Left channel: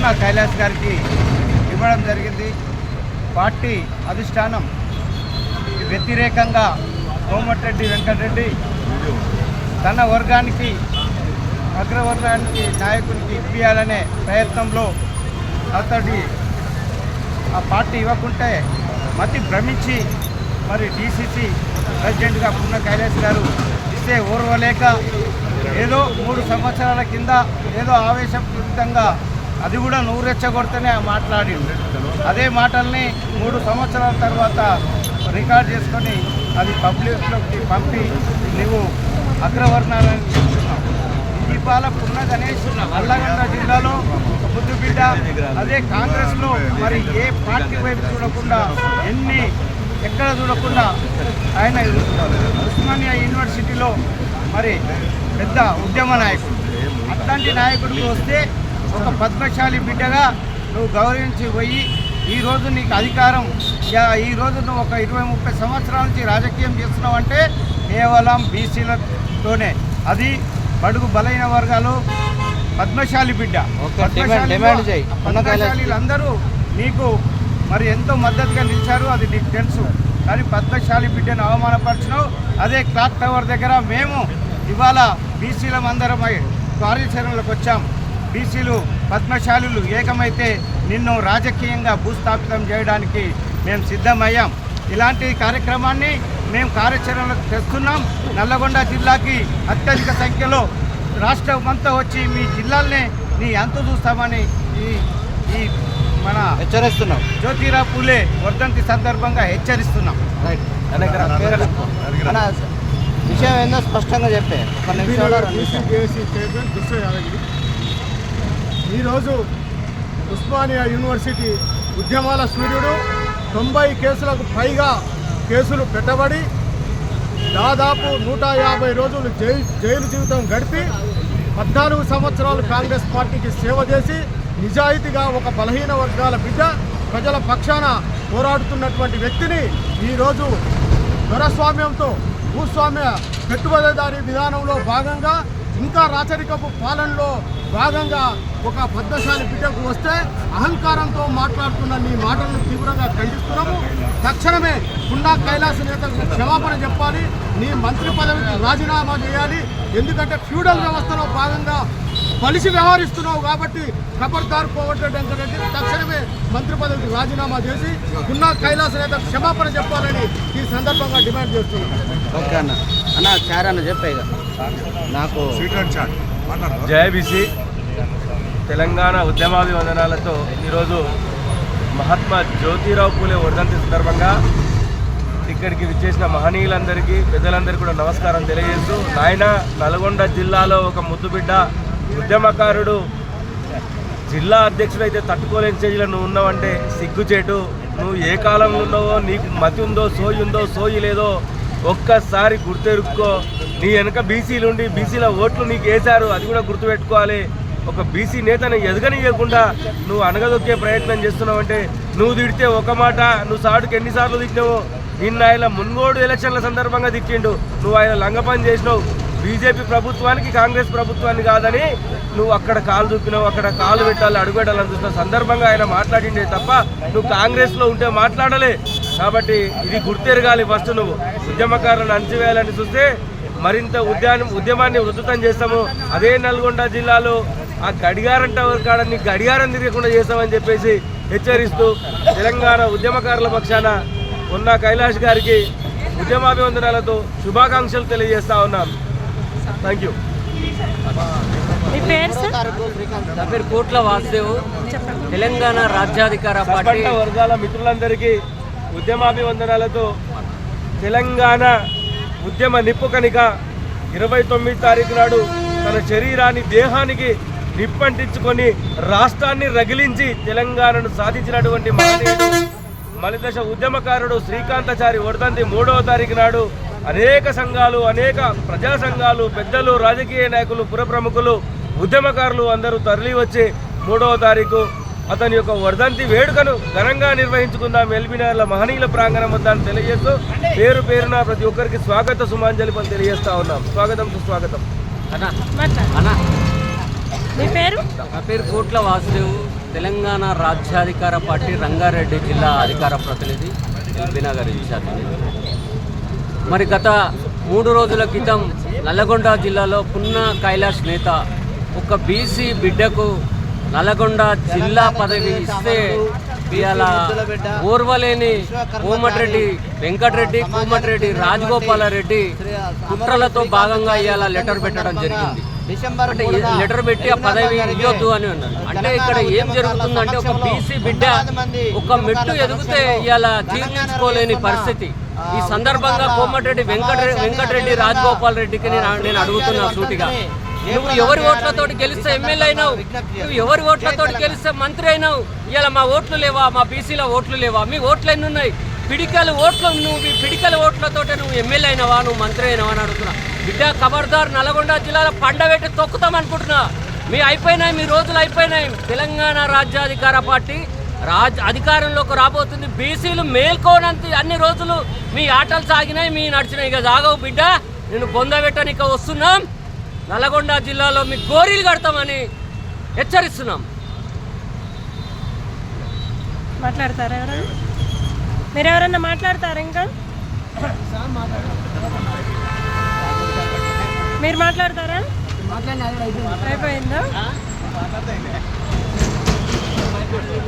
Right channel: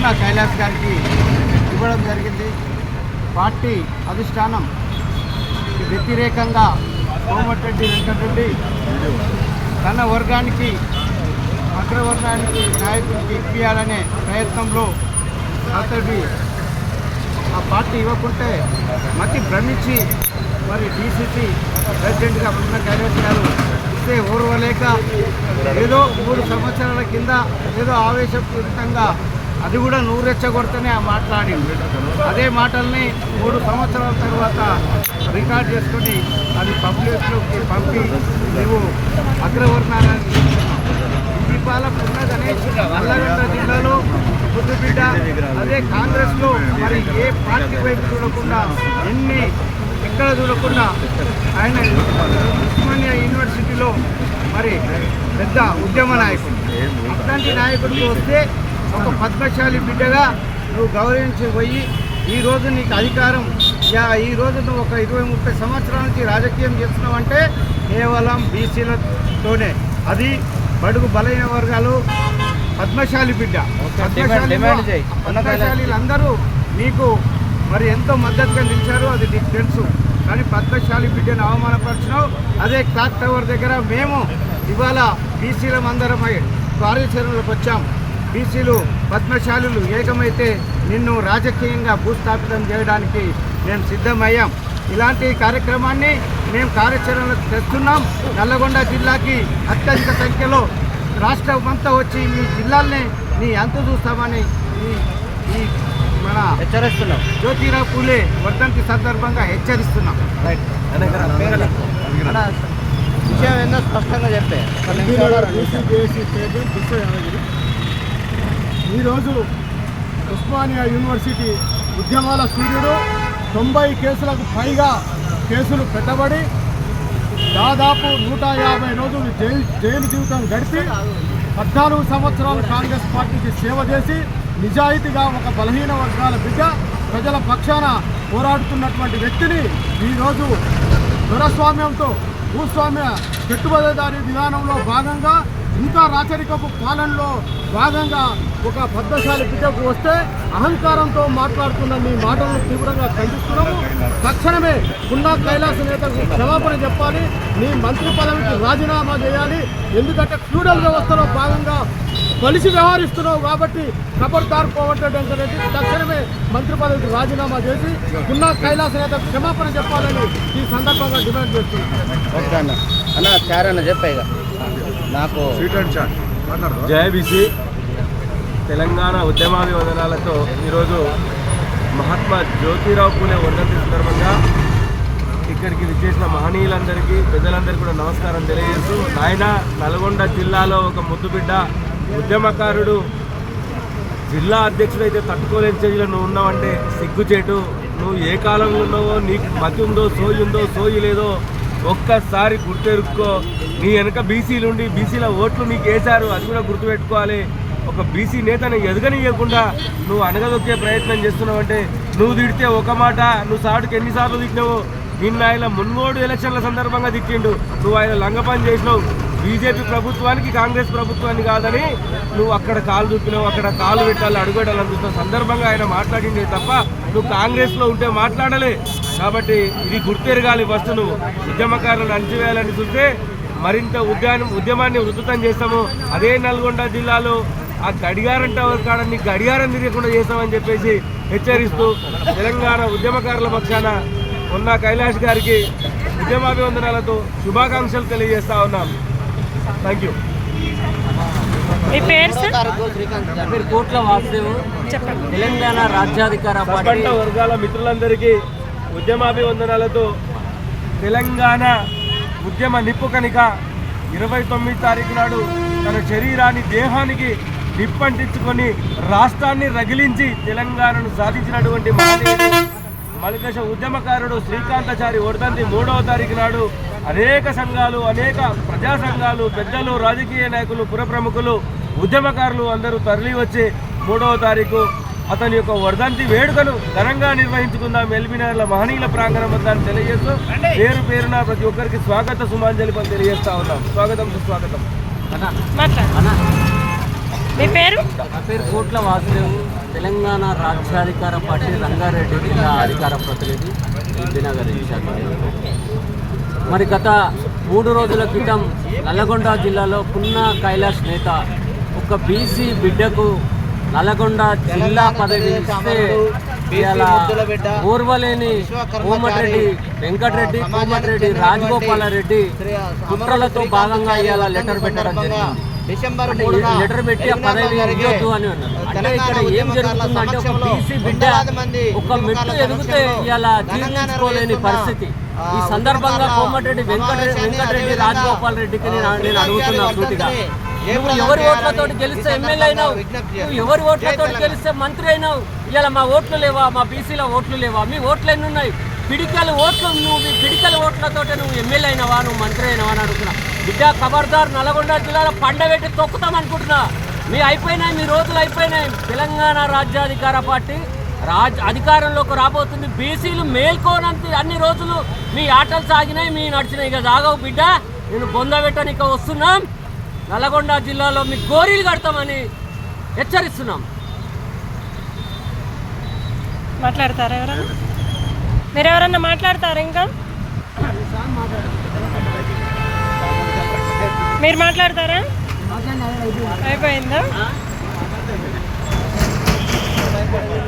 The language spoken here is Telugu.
పున్నా కైలాస్ గారికి ఇవ్వడం జరిగింది. పార్టీ అధిష్టానం వ్యతిరేకంగా కోమటిరెడ్డి వెంకటరెడ్డి తన వర్గానికి అగ్రవర్గానికి నాయకుడికి ఇప్పించాలనే ప్రయత్నంలో అతడి ఆ పార్టీ ఇవ్వకుంటే మతి భ్రమించి మరి డీసీసీ ప్రెసిడెంట్గా పున్నా కైలాస్ గారు ఇస్తే ఓర్వలేక ఏదో 3 సంవత్సరాల కింద ఏదో ఆవేశపూరితంగా అది కూడా నువ్వు రెచ్చగొడితేనే మాట్లాడింది. అదే మాటల్ని 3 సంవత్సరాల తర్వాత రికార్డ్ చేసుకొని అది పబ్లిక్లోకి పంపి నువ్వు అగ్రవర్ణాలని చెప్తున్నావు. ఇవాళ పున్నా గణేష్ నల్లగొండ జిల్లాలో ముద్దుబిడ్డ. అదే కాంగ్రెస్లో మరి ఏ పార్టీ వైపు చూడకుండా ఎక్కడ చూడకుండా ఆయన ఉస్మానియా యూనివర్సిటీలో మరి పెద్ద ఉద్యమ నాయకుడు. అట్లాంటి నాయకుడికి వస్తే ఒక పద్మశాలి బిడ్డగా నువ్వు గౌరవించి పోయి ఈరోజు నీకు అధికారం ఈరోజు నువ్వు ఒక 20-30 సంవత్సరాల నుంచి రాజకీయం చేస్తున్నావంటే కేవలం బీసీలతోనే. అది బడుగు బలైన వర్గాలు పద్మశాలి బిడ్డ. పద్మశాలీలందరూ నీకు మరి ఎంతో మద్దతుగా నిలిచారు, అది నీకు తెలుసు. కానీ పద్మశాలి బిడ్డను అవమానపరిచినావు. అదే క్లాక్ టవర్ దగ్గర మేము ఇవాళ బీసీలందరం కార్యాచరణలోకి వచ్చాం. బీసీలు పద్మశాలులు ఏకమైతే నిన్ను రాజకీయంగా భూస్థాపితం చేయడానికి మేము సిద్ధమయ్యాం. ఇలాంటి కార్యక్రమాన్ని మేము కార్యాచరణలోకి తెస్తున్నాం. నల్లగొండ జిల్లాకి అత్యధిక సంఖ్యలో రాష్ట్రం అంతా వచ్చి మీ జిల్లాల్ని నీ అంతు చూస్తామని ఈ మన హెచ్చరిస్తున్నాం. జ్యోతిరావు పూలే వర్ధంతి సందర్భంగా హెచ్చరిస్తున్నాం. రైట్ విషయం ఏందో స్పష్టంగా చెప్పే. ఈరోజు ఉస్మానియా యూనివర్సిటీ ఉద్యమాల సూర్యుడు 90 కేసులకు పైగా కేసులు పెట్టబడి దాదాపు 150 రోజులు జైలు జీవితం గడిపి 14 సంవత్సరాలు కాంగ్రెస్ పార్టీకి సేవ చేసి నిజాయితీగా ఒక బలహీన వర్గాల బిడ్డ ప్రజల పక్షాన పోరాడుతున్నటువంటి వ్యక్తిని ఈరోజు దొరస్వామ్యంతో భూస్వామ్య పెట్టుబడిదారీ విధానంలో భాగంగా ఇంకా రాచరికపు పాలనలో భాగంగా ఒక పద్మశాలి బిడ్డకు వస్తే అహంకారంతో మాట్లాడుతున్న నీ మాటలను తీవ్రంగా ఖండిస్తున్నాము. తక్షణమే పున్నా కైలాస్ నేతకు క్షమాపణ చెప్పాలి. నీ మంత్రి పదవికి రాజీనామా చేయాలి. ఎందుకంటే ఫ్యూడల్ వ్యవస్థలో భాగంగా కలిసి వ్యవహరిస్తున్నావు కాబట్టి ఖబర్దార్ కోమటిరెడ్డి వెంకటరెడ్డి తక్షణమే మంత్రి పదవికి రాజీనామా చేసి పున్నా కైలాస్ నేతకు క్షమాపణ చెప్పాలని ఈ సందర్భంగా డిమాండ్ చేస్తున్నాను. ఓకే అన్న చారన్న చెప్పేగా నాకు జై బీసీ. తెలంగాణ ఉద్యమాభివందనాలతో ఈరోజు మహాత్మా జ్యోతిరావు పూలే వర్ధంతి సందర్భంగా ఇక్కడికి విచ్చేసిన మహనీయులందరికీ ప్రజలందరికీ కూడా నమస్కారం తెలియజేస్తూ, ఆయన నల్గొండ జిల్లాలో ఒక ముద్దుబిడ్డ ఉద్యమకారుడు, జిల్లా అధ్యక్షుడు అయితే తట్టుకోలేని స్టేజ్లో నువ్వు ఉన్నావంటే సిగ్గుచేటు. నువ్వు ఏ కాలంలో ఉన్నావో, నీకు మతి ఉందో సోయి ఉందో సోయి లేదో ఒక్కసారి గుర్తెరుక్కో. నీ వెనుక బీసీలుండి బీసీల ఓట్లు నీకు వేశారు, అది కూడా గుర్తుపెట్టుకోవాలి. ఒక బీసీ నేతను ఎదగనియకుండా నువ్వు అనగదొక్కే ప్రయత్నం చేస్తున్నావంటే, నువ్వు తిడితే ఒక మాట, నువ్వు సాటుకు ఎన్నిసార్లు తిట్టినావో. నిన్న ఆయన మున్గోడు ఎలక్షన్ల సందర్భంగా తిట్టిండు, నువ్వు ఆయన లంగపని చేసినావు. బీజేపీ ప్రభుత్వానికి కాంగ్రెస్ ప్రభుత్వాన్ని కాదని నువ్వు అక్కడ కాలు చూపినావు, అక్కడ కాలు పెట్టాలి అడుగుపెట్టాలనిపిస్తున్న సందర్భంగా ఆయన మాట్లాడిందే తప్ప నువ్వు కాంగ్రెస్లో ఉంటే మాట్లాడలే. కాబట్టి ఇది గుర్తెరగాలి. ఫస్ట్ నువ్వు ఉద్యమకారులను అణచివేయాలని చూస్తే మరింత ఉద్యమాన్ని ఉధృతం చేస్తాము. అదే నల్గొండ జిల్లాలో ఆ గడియారం టవర్ కాడని గడియారం తిరగకుండా చేస్తామని చెప్పేసి హెచ్చరిస్తూ తెలంగాణ ఉద్యమకారుల పక్షాన పున్నా కైలాస్ గారికి ఉద్యమాభివందనాలతో శుభాకాంక్షలు తెలియజేస్తా ఉన్నాను. Thank you. కోట్ల వాసుదేవ్, తెలంగాణ రాజ్యాధికార సబ్బండ వర్గాల మిత్రులందరికీ ఉద్యమాభివందనాలతో తెలంగాణ ఉద్యమ నిప్పుకనిక 29 తారీఖు నాడు తన శరీరాన్ని దేహానికి నిప్పంటించుకొని రాష్ట్రాన్ని రగిలించి తెలంగాణను సాధించినటువంటి మలిదశ ఉద్యమకారుడు శ్రీకాంతాచారి వర్ధంతి 3వ తారీఖు నాడు అనేక సంఘాలు, అనేక ప్రజా సంఘాలు, పెద్దలు, రాజకీయ నాయకులు, పుర ప్రముఖులు, ఉద్యమకారులు అందరూ తరలి వచ్చి 3వ తారీఖు అతని యొక్క వర్ధంతి వేడుకను ఘనంగా నిర్వహించుకుందాం ఎల్బీనగర్ల మహనీయుల ప్రాంగణం వద్ద తెలియజేస్తూ పేరు పేరున ప్రతి ఒక్కరికి స్వాగత సుమాంజలి పని తెలియజేస్తా ఉన్నాం. స్వాగతం సుస్వాగతం. మీ పేరు? నా పేరు కోట్ల వాసుదేవ్. తెలంగాణ రాజ్యాధికార పార్టీ రంగారెడ్డి జిల్లా అధికార ప్రతినిధి బీనగర్ ఇన్ఛార్జ్. మరి గత 3 రోజుల క్రితం నల్లగొండ జిల్లాలో పున్నా కైలాష్ నేత ఒక బీసీ బిడ్డకు నల్లగొండ జిల్లా పదవి ఇస్తే ఇవాళ ఓర్వలేని కోమటిరెడ్డి వెంకటరెడ్డి, కోమటిరెడ్డి రాజగోపాలరెడ్డి కుట్రలతో భాగంగా ఇవాళ లెటర్ పెట్టడం జరిగింది. లెటర్ పెట్టి ఆ పదవి ఇవ్వద్దు అని అన్నారు. అంటే ఇక్కడ ఏం జరుగుతుందంటే ఒక బీసీ బిడ్డ ఒక మెట్టు ఎదిగితే ఇవాళ జీర్ణించుకోలేని పరిస్థితి. ఈ సందర్భంగా కోమటిరెడ్డి వెంకటరెడ్డి రాజగోపాల్ రెడ్డికి నేను అడుగుతున్నా సూటిగా, నువ్వు ఎవరి ఓట్లతోటి గెలిస్తే ఎమ్మెల్యే అయినావు, నువ్వు ఎవరి ఓట్లతోటి గెలిస్తే మంత్రి అయినావు, ఇలా మా ఓట్లు లేవా, మా బీసీల ఓట్లు లేవా, మీ ఓట్లు ఎన్ని ఉన్నాయి, పిడికల ఓట్లు, నువ్వు మీ పిడికల ఓట్లతోటి నువ్వు ఎమ్మెల్యే అయినావా, నువ్వు మంత్రి అయినావా అని అడుగుతున్నా. బిడ్డ ఖబర్దార్, నల్గొండ జిల్లాలో పండబెట్టి తొక్కుతాం అనుకుంటున్నా. మీ రోజులు అయిపోయినాయి. తెలంగాణ రాజ్యాధికార పార్టీ అధికారంలోకి రాబోతుంది. బీసీలు మేల్కోనంత అన్ని రోజులు మీ ఆటలు సాగినాయి, మీ నడిచినాయి. ఇక సాగవు బిడ్డ, నేను బొందబెట్టనిక వస్తున్నాం. నల్గొండ జిల్లాలో మీ గోరీలు కడతామని హెచ్చరిస్తున్నాం. మాట్లాడతారా ఎవరన్నా? మీరు ఎవరన్నా మాట్లాడతారా? ఇంకా మీరు మాట్లాడతారా? అయిపోయిందా?